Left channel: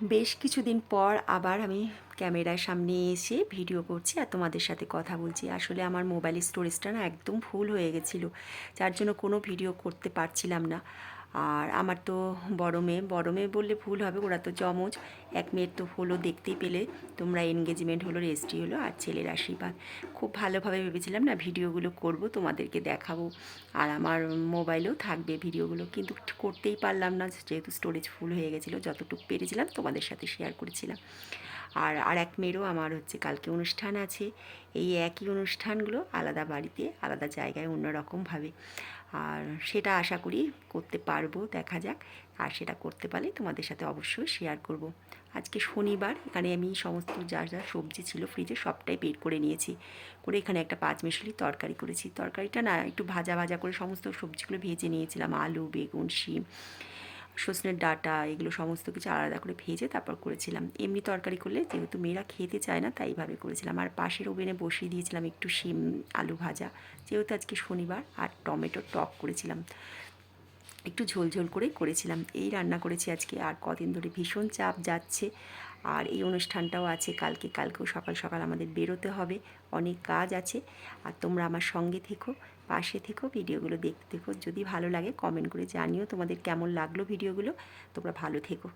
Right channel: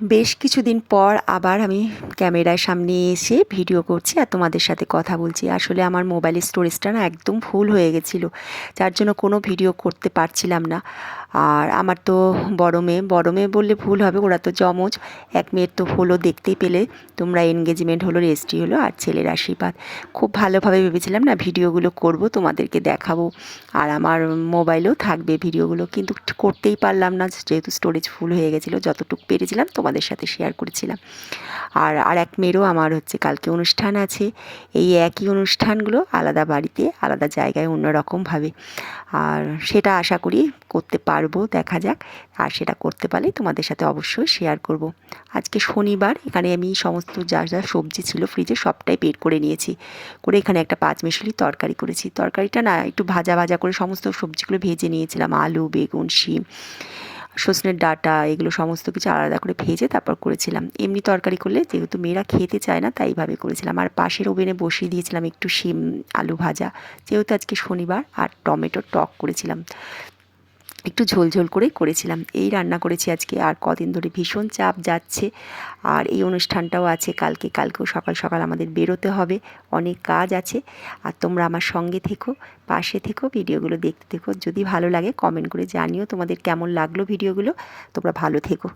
বেশ কিছুদিন পর আবার আমি ক্যামেরার সামনে এসে ভিডিও করছি আর তোমাদের সাথে কথা বলছি। আসলে আমার মোবাইলের স্টোরেজটা না একদম ফুল হয়ে গেছিলো, যার জন্য কোনো ভিডিও করতে পারছিলাম না। আর আমার তো বড় মেয়ে বললে ভুল হবে, ওরা তো যমজ। এক মেয়ের তো হলো, দেখতেই পেলে তোমরা, এনগেজমেন্ট হলো, রেজিস্ট্রি হলো, আর ছেলের আশীর্বাদ। খুব ভালোভাবে ভেবেছিলাম না ভিডিওগুলো করব, তোমাদেরকে দেখাবো, আর আমার মোবাইলেও থাকবে ভিডিওগুলো, কিন্তু করতেই পারলাম না যেহেতু স্টোরেজ ফুল হয়ে গেছিলো। যতটুকু পেরেছিলাম তোমাদের সাথে শেয়ার করেছিলাম। আর এক মেয়েরও আমার হচ্ছে কালকে অনুষ্ঠান আছে। এই একই অনুষ্ঠানগুলো আলাদা বাড়িতে, আলাদা জায়গায়, অন্যরকমভাবে। আর সেটা আশা করি করতে পারবো, দেখা যাক। আর সেটা করতে পারলে তোমাদের সাথে অবশ্যই শেয়ার করব। আজকে শনিবার, এখানে আমি সমস্ত যা যা সবজি ছিল ফ্রিজে সবটাই বের করে নিয়েছি, করে এখানে একটা পাঁচমিশালি তরকারি করেছি। তরকারিটা না একটু ভাজা ভাজা করে সমস্ত সবজিগুলো ভেজে নিয়েছিলাম, আলু, বেগুন, শিম, সজনের ডাঁটা, এগুলো সমস্ত কিছু আলাদা করে ভেজে তারপর করেছিলাম। এমনি তরকারি করলে যেহেতু মেয়েরা খেতে চায় না, তাই এইভাবে করেছিলাম। আর পাশের ওভেনে বসিয়ে দিয়েছিলাম একটু শিম আলু ভাজা, যেহেতু আজকে শনিবার। আর টমেটোর টক করেছিলাম, একটু ঝোল করেই করেছিলাম। এই রান্না করেছি আজকে। আর কদিন ধরে ভীষণ চাপ যাচ্ছে, আর এই অনুষ্ঠানটাও আছে কালকেও সকাল সকাল আমাদের বেরোতে হবে, অনেক কাজ আছে। আর তোমরা আমার সঙ্গে থেকো, পাশে থেকো, ভিডিওগুলো দেখতে থেকো। যদি ভালো লাগে কমেন্ট করে জানিও তোমাদের কেমন লাগলো ভিডিওগুলো। তোমরা ভালো থেকো।